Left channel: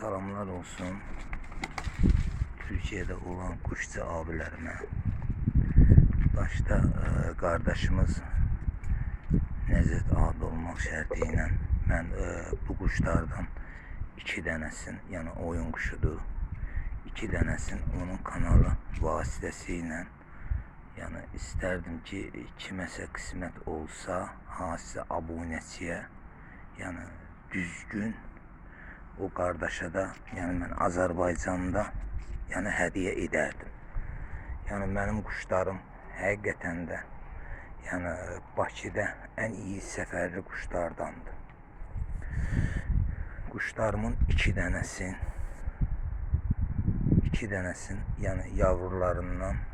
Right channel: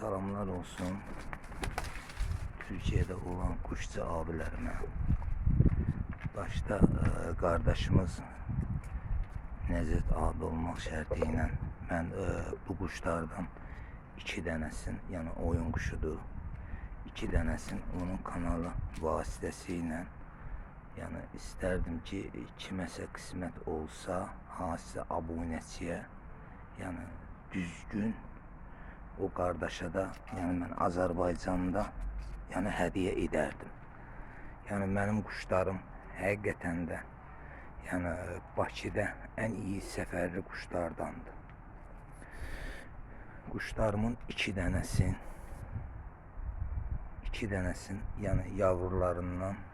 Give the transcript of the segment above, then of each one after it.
Salamlar olsun Türkiye'de olan kuşçu abilerime. Başta e, kardeşimiz Nezet abi olmak şartıyla ben e, bu kuşlardan iki denesin yani oyun kuşudur. iki denesin onun kanalı vasitesiyle yani isterdim ki kiməsə kısmet olsa hansısa abunəçiyə yani düzgün o qardaşa da yəni mən Azərbaycanda yəni hədiyyə edərdim. Yəni mənim quşlarım həqiqətən də yəni Bakıda ən iyi səfərli quşlardandır. Quşlarımın iki dənəsin iki dənəsin yəni yavrularından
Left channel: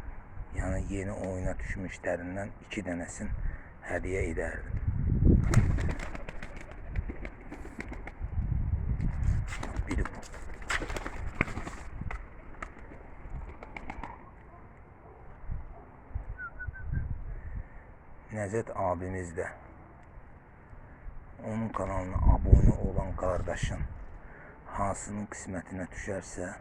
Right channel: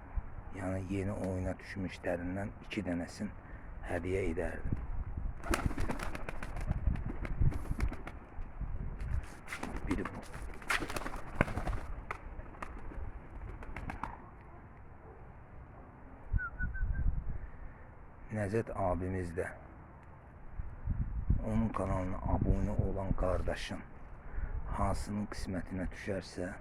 yəni yeni oyuna düşmüşlərindən iki dənəsin hədiyyə edərdim. Bu. Nezet abimiz de onun kanalına abone olan kardeşin hansının kısmetine düşerse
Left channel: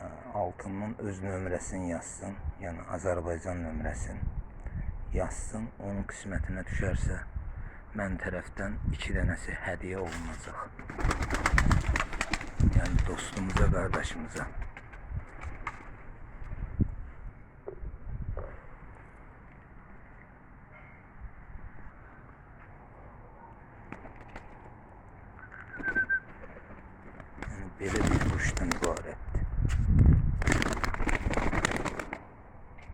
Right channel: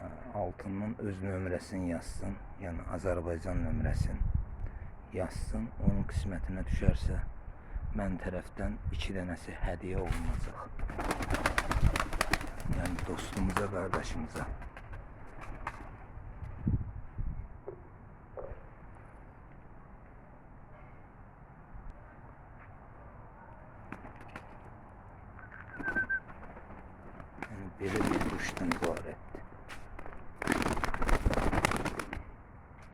e, altından öz nömrəsini yazsın. Yani Azerbaycan nömrəsini yazsın. Onun kısmetine düşerse mən tərəfdən iki dənəsi hədiyyə olunacaq. Yəni dostumuza, qardaşımıza. Yəni belə bir quşdan ibarətdir.